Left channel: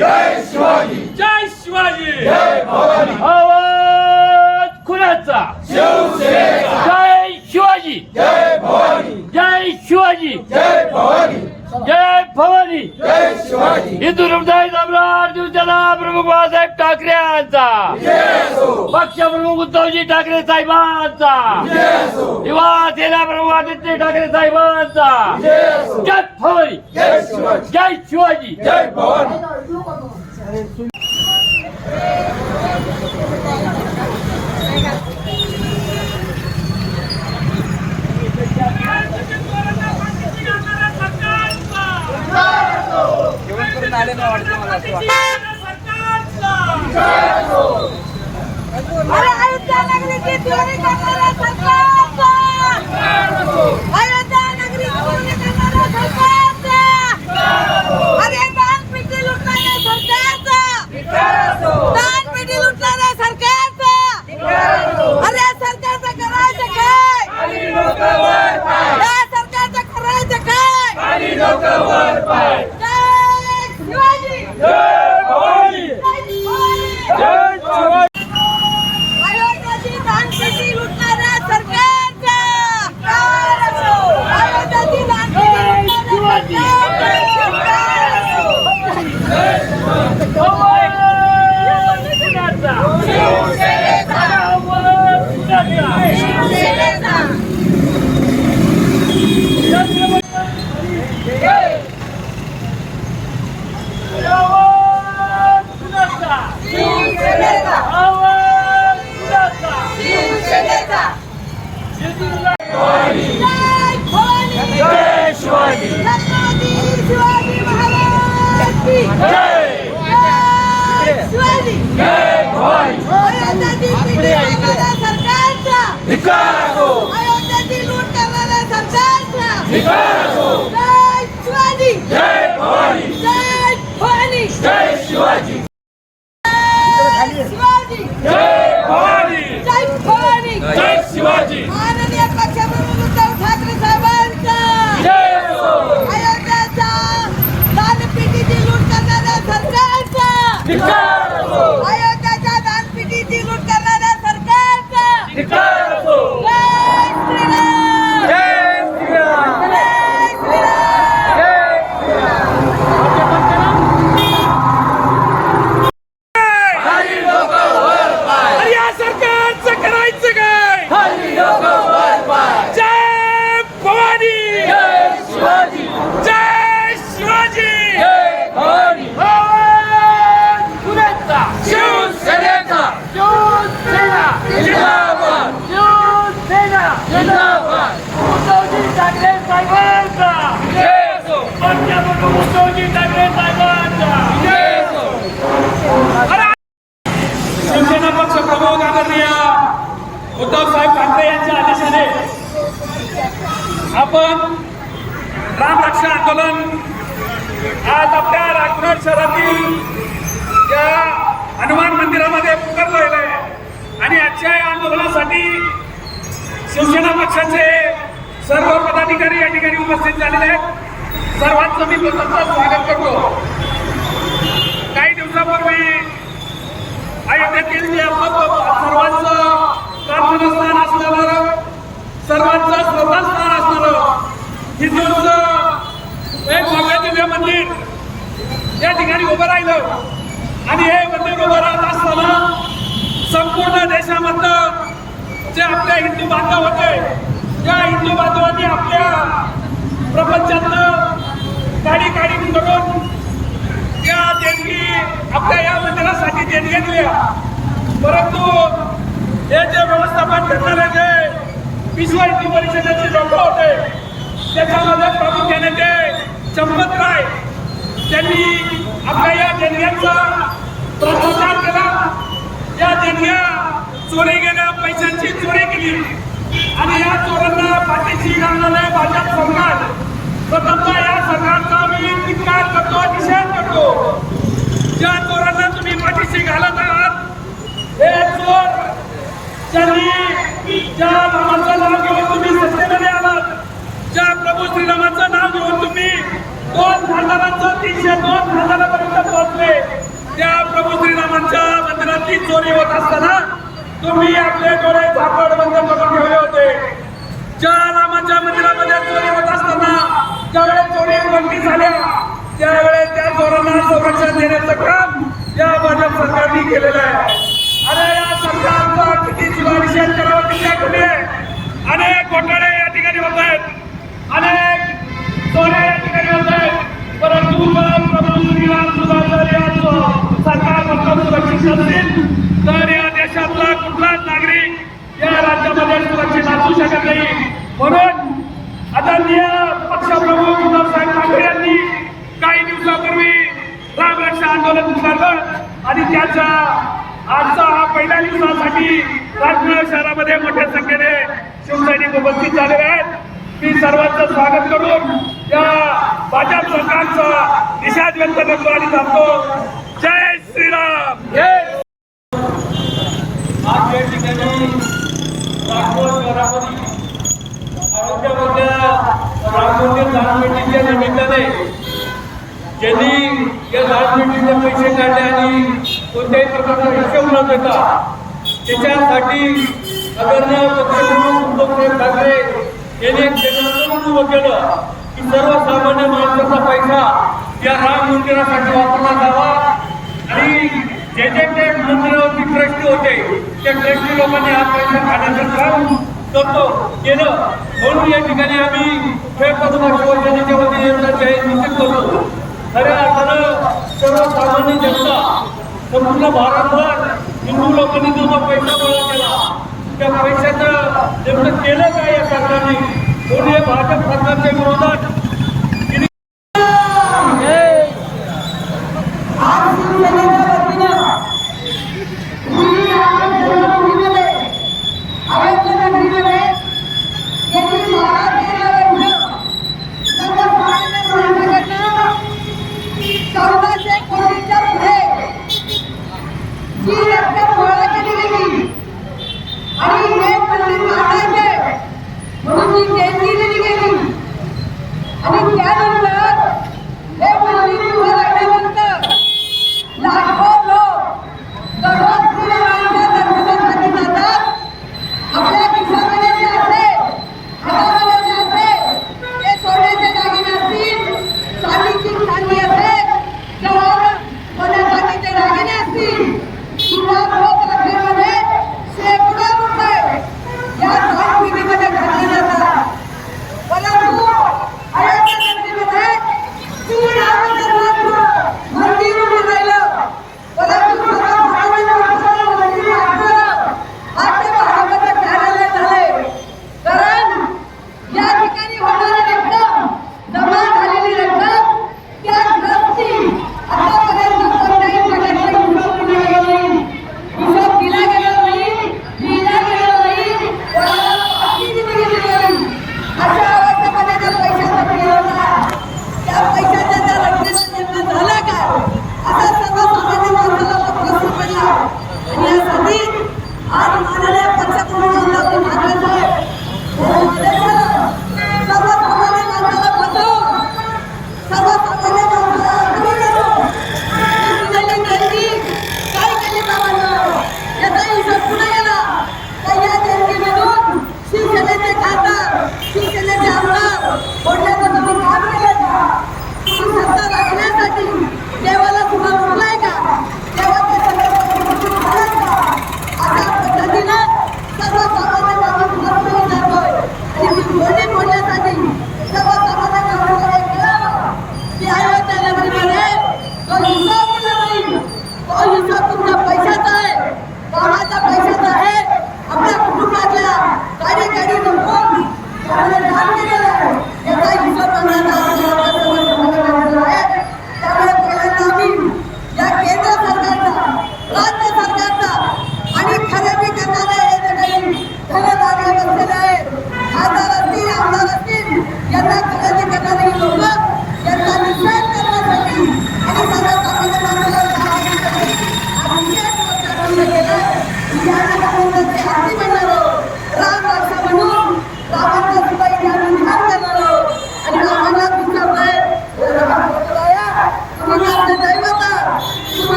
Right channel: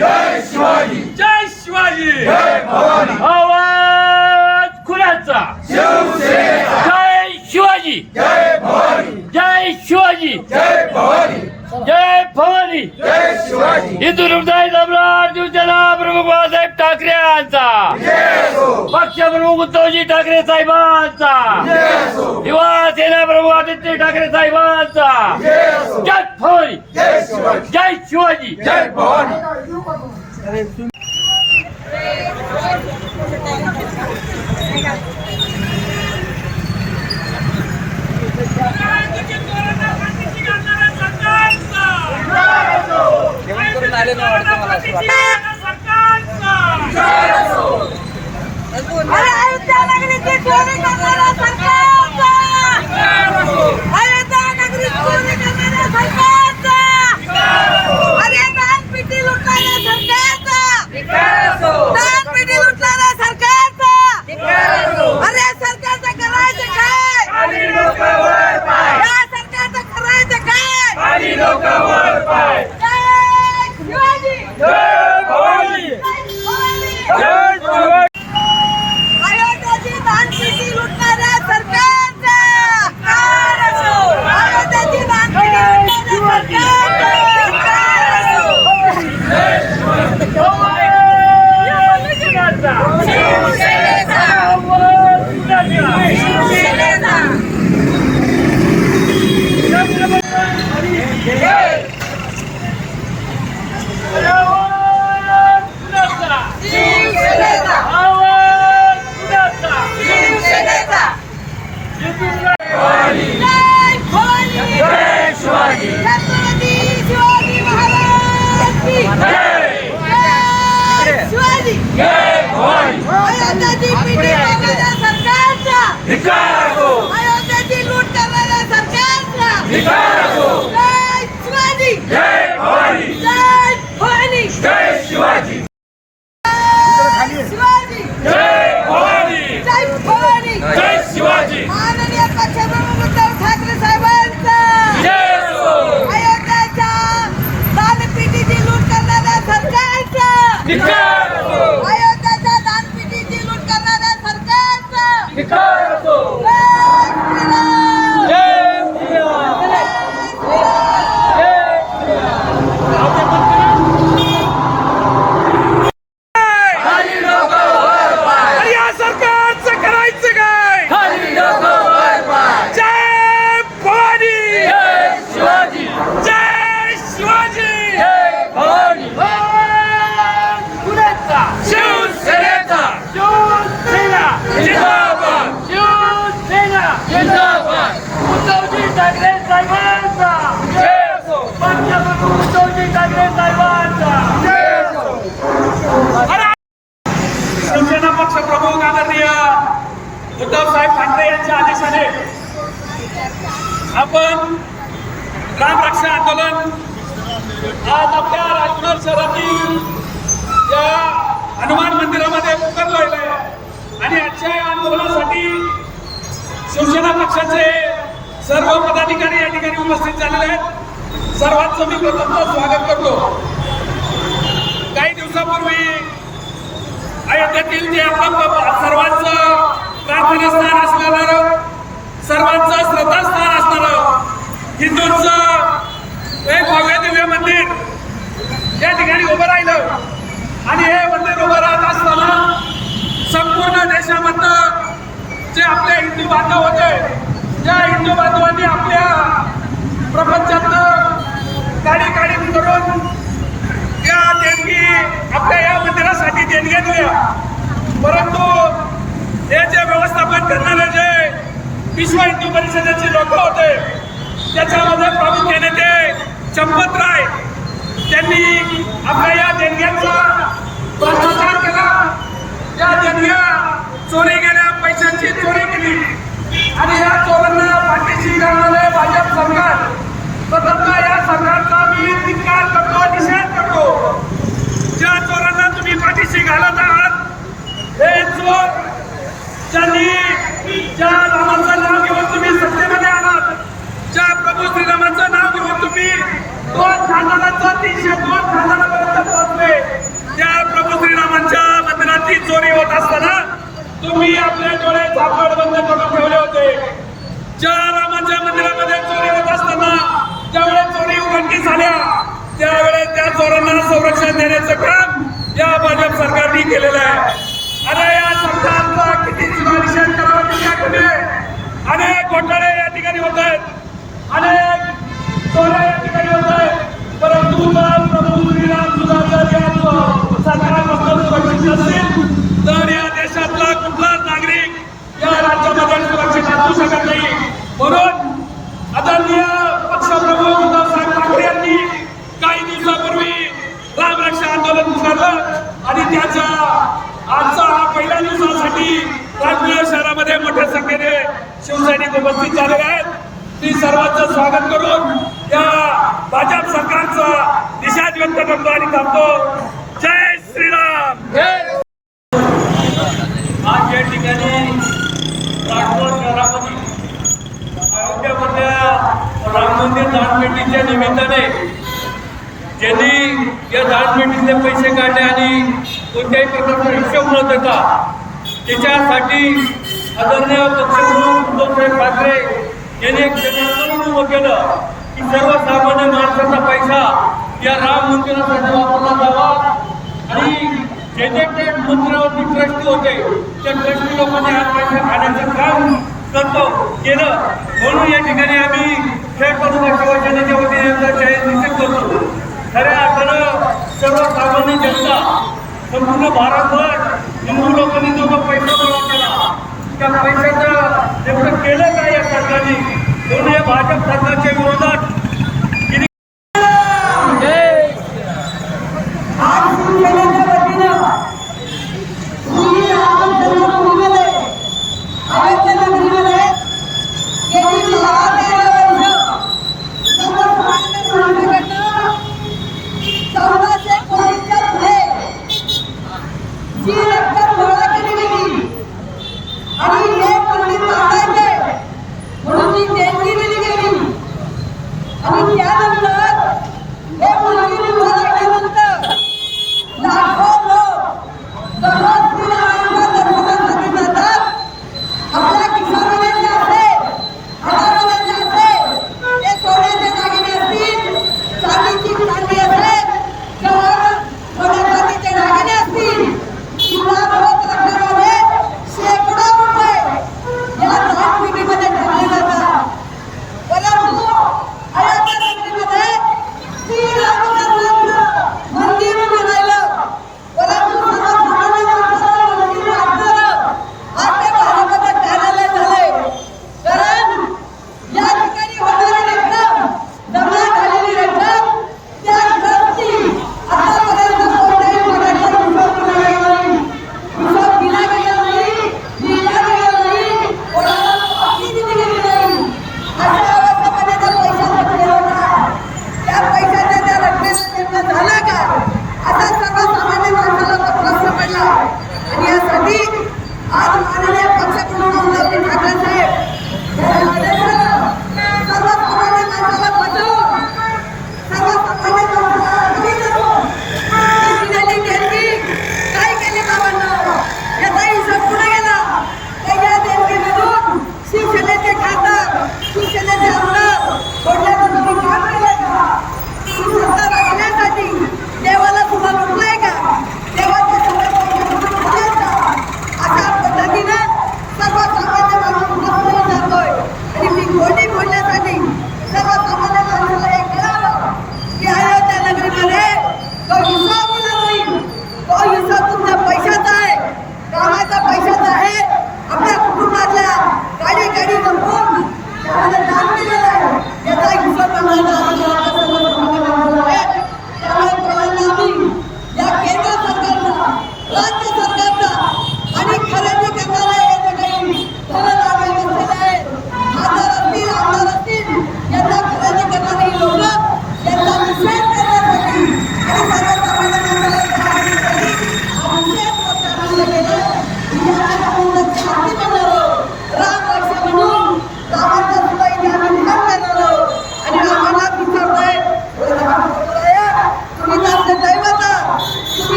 जय शिवाजी, जय शिवाजी, जय भवानी, आवाज खुलाचा, शिवसेना, जय शिवाजी, जय भवानी, जय शिवाजी, जय भवानी, जय भवानी, जय शिवाजी, हिंदू हृदय सम्राट शिवसेना प्रमुख बाळासाहेब ठाकरे यांचा, पक्ष प्रमुख उद्धवजी ठाकरे साहेबांचा, युवा सेना प्रमुख आदित्य ठाकरे साहेबांचा, जय भवानी, जय शिवाजी, जय शिवाजी, जय भवानी. अरे अयोध्या नगरीची चोरी करणाऱ्या सरकारचा, अयोध्या नगरीत चोरी करणाऱ्या सरकारचा, अरे दानपेटी लुटणाऱ्या सरकारचा, दानपेटी लुटणाऱ्या सरकारचा, अरे सरकारचं करायचं काय, या सरकारचं करायचं काय, जय शिवाजी, जय भवानी, जय भवानी. अयोध्याची दानपेटी लुटणाऱ्या सरकारचा, अयोध्याची दानपेटी लुटणाऱ्या शिवाजी महाराज की शिवाजी, अयोध्याची पेटी करणाऱ्या सरकारचा, अयोध्याची लूट करणाऱ्या सरकारचा, जय शिवाजी, जय भवानी, जय भवानी, जय शिवाजी, शिवाजी, जय भवानी, जय भवानी, जय शिवाजी, माननीय पक्षप्रमुख उद्धव ठाकरे साहेबांचा, अयोध्याच्या दानपेटीची लूट करणाऱ्या सरकारचा, अयोध्याच्या दानपेटीची लूट करणाऱ्या सरकारचा, जय श्रीराम, जय श्रीराम, जय श्रीराम. अरे या सरकारचं करायचं काय, जय भवानी, जय शिवाजी, आवाज खुलाचा, शिवसेनेचा, शिवसेना, जिंदाबाद, शिवसेना, जिंदाबाद, उद्धवजी ठाकरे साहेबांचा, जय असो, पक्षप्रमुख उद्धवजी ठाकरे साहेबांचा, शिवसेना पक्ष प्रमुख आदरणीय उद्धव साहेब ठाकरे यांच्या आदेशाने आपण रामरक्षा आंदोलन आज आपल्या राजगुरू शहरातील या हनुमान मंदिरामध्ये पुकारलेलं आहे आणि आजच्या या आंदोलनासाठी शिवसेना पक्षाचे सर्व पदाधिकारी या ठिकाणी उपस्थित झालेले आहेत. सर्वांचं मी प्रथमतः स्वागत करतो. काही दिवसापूर्वी अयोध्येतील जे सर्वांचं प्रार्थनास्थान असणारं, सर्वांचं श्रद्धास्थान असणारं हिंदूंचं एक भव्य दिव्य मंदिर या ठिकाणी उभं राहिलं आणि हे मंदिर उभं राहत असताना संपूर्ण देशामधलं जे आपले हिंदू बांधव होते त्या हिंदू बांधवांनी आपल्या प्रपंचातनं काढी करून या देणगी आपल्या या मंदिरासाठी देणग्या दिल्या. परंतु हे जे व्यवस्थापन करणारे जे विश्व हिंदू परिषदेचे लोक होते त्याच्यामध्ये प्रामुख्याने ते चंपतराय त्यांनी आपल्या या देणग्यांचा भ्रष्टाचार केला. या देणग्या चोरी गेल्या, पैशांची चोरी केली आणि या चोरांना पाठीशी घालणारे भाजप सरकार, प्रथमतः या सरकारचा मी धिक्कार करतो, निषेध करतो. ज्या चोरांना तुम्ही पाठीशी घालत आहात हे चोर ज्यांनी ज्या रामाचं नाव घेऊन तुम्ही सत्तेमध्ये आलात, ज्या प्रभू श्रीरामाचं नाव घेऊन तुम्ही 2 खासदारांचं 302 खासदारापर्यंत पोहोचले. त्या प्रभू श्रीरामांच्या मंदिराची चोरी होत असताना तुम्ही आपले डोळे झाकड बंद करून ठेवले होते. ज्या रामाच्या मंदिरामध्ये चोरी होत असताना ज्यावेळेस चोरी उघडकीस झाल्या त्यावेळेस त्या चोरांना संरक्षण देण्याचं काम या भाजप सरकारने केलेलं आहे. अरे या सरकारचा किती निषेध करावा किती कमी आहे. अनेक घोटाळे या ठिकाणी होत आहेत, अनेक चोऱ्या या ठिकाणी होत आहेत. परंतु जर प्रभू श्रीराम सुधाकर या सरकारपासून सुरक्षित असतील तर या देशातला कुठलाच नागरिक या राज्यामध्ये सुरक्षित असू शकत नाही. म्हणून आदरणीय पक्षप्रमुख उद्धवसाहेब ठाकरे यांनी काही दिवसापूर्वी रामरक्षा आंदोलन पुकारलं आणि त्याच्या आजचा हा पहिल्या दिवसासाठी नागपूर शहरामध्ये मोठ्या संख्येने शिवसैनिक उपस्थित झालेले आहेत. मी सर्वांचं स्वागत करून या भाजप सरकारचा निषेध व्यक्त करतो आणि थांबतो. जय श्रीराम. आज या ठिकाणी नागपूर शहरामध्ये अयोध्यामधल्या राम मंदिर दानपेटीच्या निमित्ताने ज्यांनी या दानपेटीतले पैसे काढले आणि कोणत्याही प्रकारचा हिशोब न देता त्याच्यासाठी आदरणीय पक्षप्रमुख उद्धवसाहेब ठाकरे यांनी एक जनआंदोलन उभं केलं की सर्वसामान्य माणसाचा पैसा या राम मंदिरासाठी वापरला जावा आणि जे मंदिरावरती ट्रस्टी होते त्या ट्रस्टी लोकांनी हा पैसा खाण्याचं काम केलं. म्हणून या ठिकाणी आम्ही खेड तालुका शिवसेनेच्या वतीने यांचा जाहीर निषेध करतो. खऱ्या अर्थानं सर्वसामान्य जनता संपूर्ण भारतभर हिंदू लोकांनी जो पैसा गोळा केला त्या पैशाचं नेमकं केलं काय या सरकारने. म्हणून या भाजप सरकारच्या विरोधात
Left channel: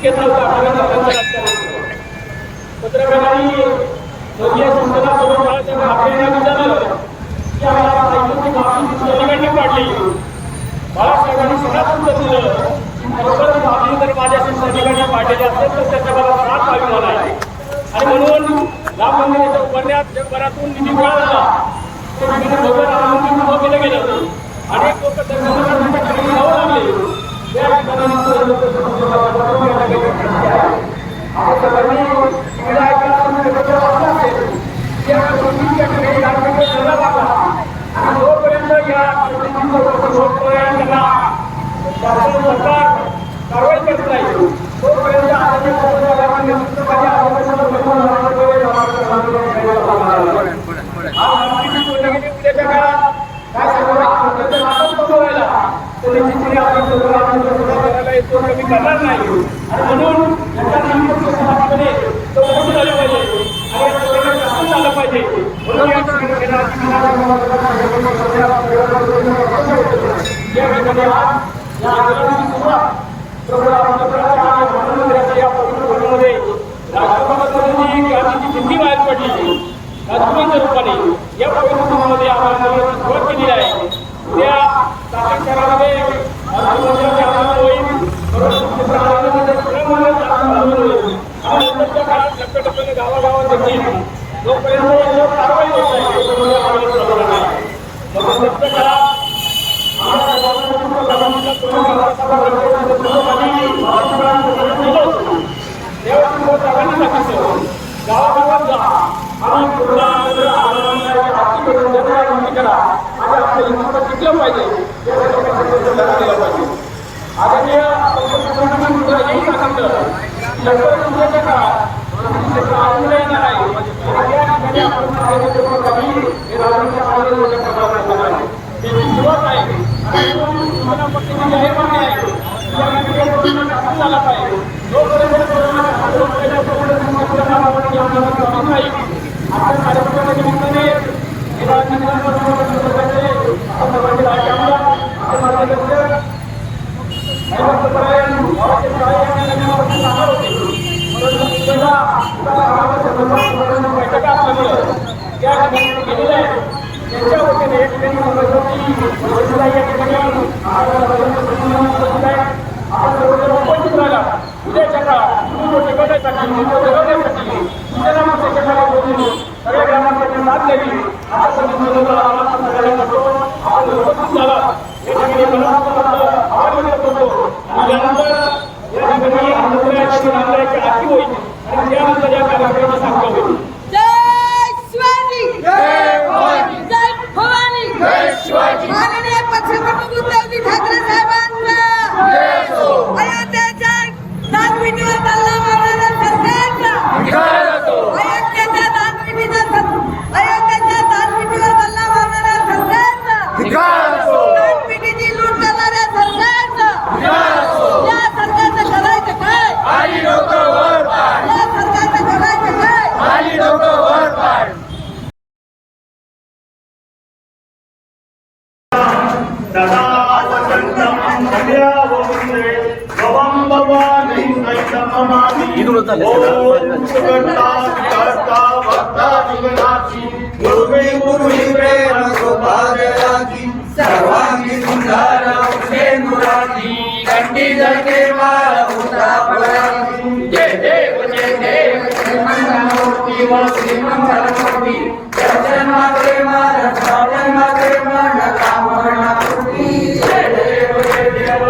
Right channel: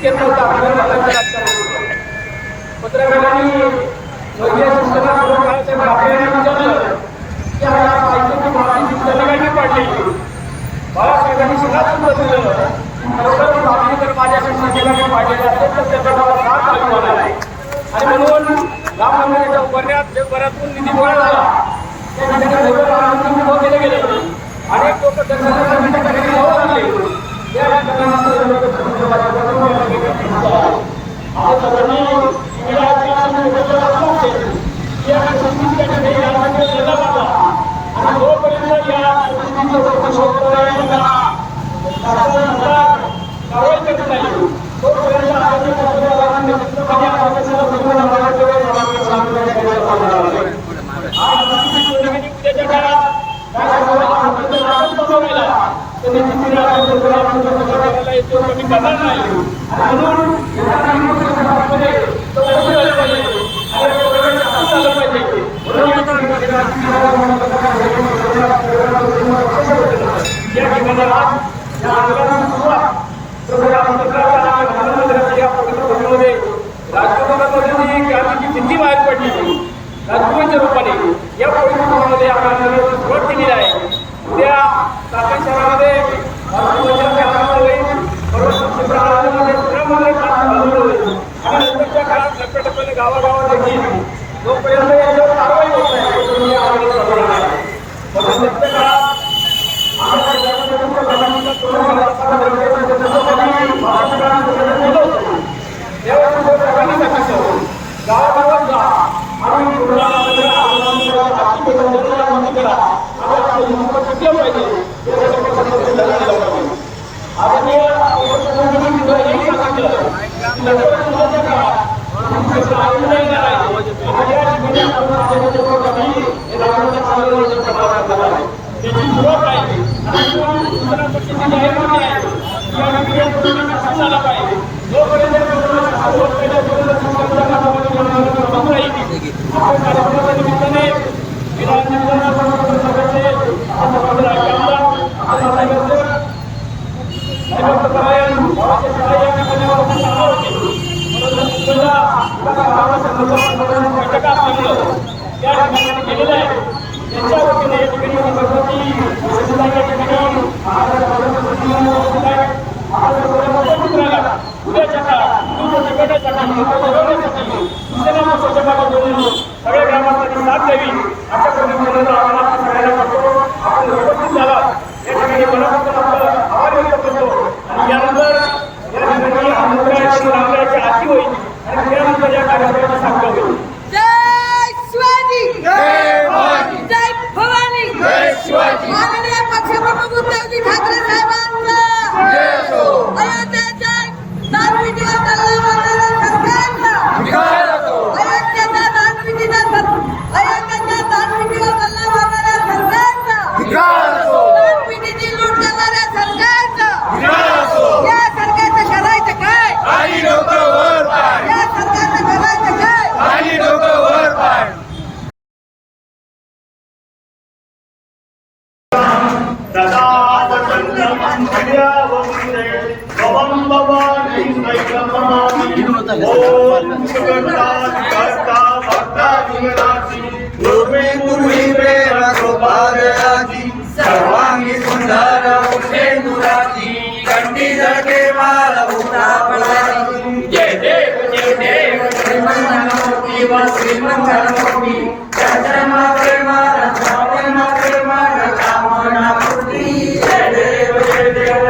घेत नव्हता आपल्याला राजकारण पत्रकारांनी वर्गीय संस्थेला करून बाळासाहेब ठाकरे यांनी विचारलं की आम्हाला साहित्याची माफी शिक्षकांनी पाडली. बाळासाहेबांनी सगळ्यात उत्तर दिलं खरोखर माफी जर माझ्या शिक्षकांनी पाडलेली असेल तर त्याचा मला फार अभिमान आहे. आणि म्हणून राम मंदिराच्या उभारण्यात जगभरातून निधी गोळा झाला. त्या ठिकाणी भव्य राम मंदिर उभं केलं गेलं. अनेक लोक दर्शनासाठी त्या ठिकाणी जाऊ लागले. त्या ठिकाणी लोक आपण सगळ्यांनी टीव्हीला ऐकलं असेल त्या ठिकाणी लढा मारला आणि जोपर्यंत या सरकार कारवाई करत नाही तोपर्यंत उद्याच्या काळात काय राहिला तर निश्चितपणे आपण करायला येतो कमी करणार नाही. आणि म्हणून समाजामध्ये चौकशी झाली पाहिजे आणि झालं पाहिजे. या ठिकाणी आज या आंदोलनाची सुरुवात प्रभू रामचंद्राच्या या पवित्र भूमीमध्ये राजकुमारांची क्रांतीची सिद्धी बाहेर पडली. राजकुमारच्या रूपाने या पवित्र भूमीमध्ये आम्ही आंदोलनाची सुरुवात केलेली आहे. उद्या चाकण शहरामध्ये राजकुमारांचे आंदोलन होईल. आणि नंतरच्या काळात टप्प्याटप्प्याने गावागावात देखील जोपर्यंत याच्यावर कारवाई होत नाही आंदोलन चालवणार आहे. नंतरच्या काळात गावागावात जा आणि करा आणि आपल्या हिंदू टिकलं पाहिजे दिलं पाहिजे. आदरणीय हेही सांगितलं लवकरच उद्याच्या काळात आंदोलन येणार आहे. या ठिकाणी आपण हे राजकीय आंदोलनाच्या प्रभाव आहे त्याची सुरुवात आहे. आणि पक्षाची जाहीरनामे आहे या ठिकाणी झाला पाहिजे. जोपर्यंत आपल्या कार्यक्रमाच्या निमित्ताने बैठका असल्यामुळं त्या ठिकाणी गेलेलं आहे. त्यांच्या वतीने या ठिकाणी या ठिकाणी आपण उपस्थित राहिला. उद्याच्या काळात टिकवण्यासाठी जगवण्यासाठी बोलून सगळ्या ग्रामांसाठी साथ द्यावी अशा पद्धतीने सगळ्यांना करतो. आपण उपस्थित झाला या ठिकाणी मनापासून आपलं आभार व्यक्त करतो. आणि यानंतर या ठिकाणी आंदोलनाची रांगण्याची आरती होईल आणि त्यानंतर या कार्यक्रमाची सांगता होईल. जय शिवाजी जय भवानी जय भवानी जय शिवाजी माननीय पक्षप्रमुख उद्धवजी ठाकरे साहेबांचा जय असो अयोध्येच्या दानविधीवर हल्ला मारणाऱ्या सरकारचा धिक्कार असो अयोध्येच्या दानविधीवर हल्ला मारणाऱ्या सरकारचा धिक्कार असो दानविधीची लूट करणाऱ्या सरकारचा धिक्कार असो या सरकारचं करायचं काय खाली डोकं वर पाड या सरकारचं करायचं काय खाली डोकं वर पाड. सर्वांगी सुंदर उठे कंठी जगे माळ जय देव जय मंगलमूर्ती वा श्री मंगलमूर्ती दर्शन प्रेमान श्रावण प्रेमान कामना पूर्ती जय देव जय देव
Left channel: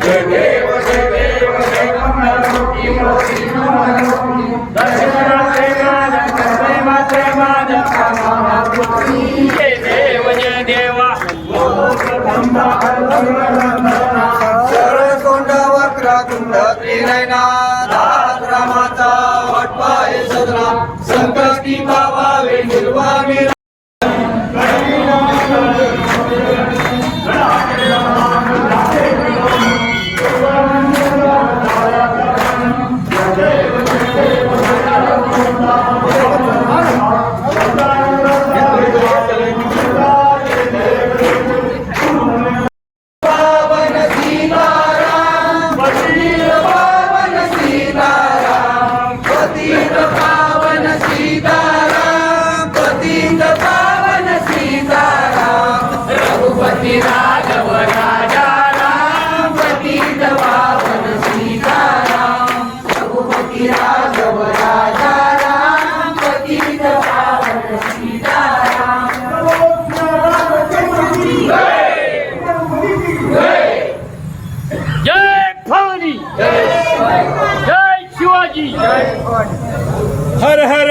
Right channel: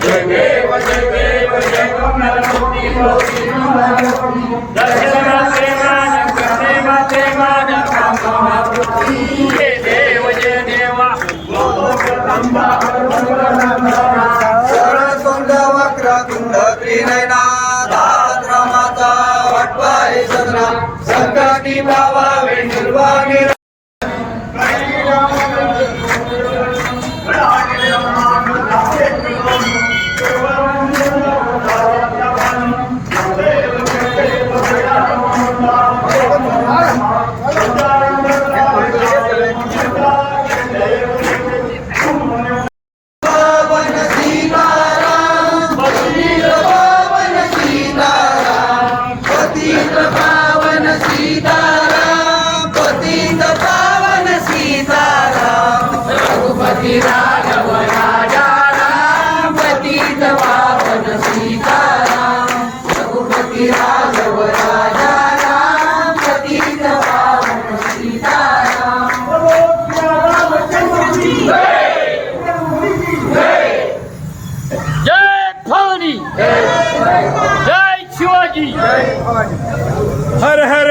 जय देव जय देव जय मंगलमूर्ती श्री मंगलमूर्ती दर्शन प्रेमान कामना पूर्ती जय देव जय देवा सरळतोंड वक्रतुंड त्रिनयना रामाचा वटवाय सदना संकष्टी बाबा वेंडुर्वागे जय सीताराम पतित पावन सीताराम रघुपति राघव राजा राम पतित पावन सीताराम रघुपति राघव राजा राम पतित पावन सीताराम जय भवानी जय शिवाजी हर हर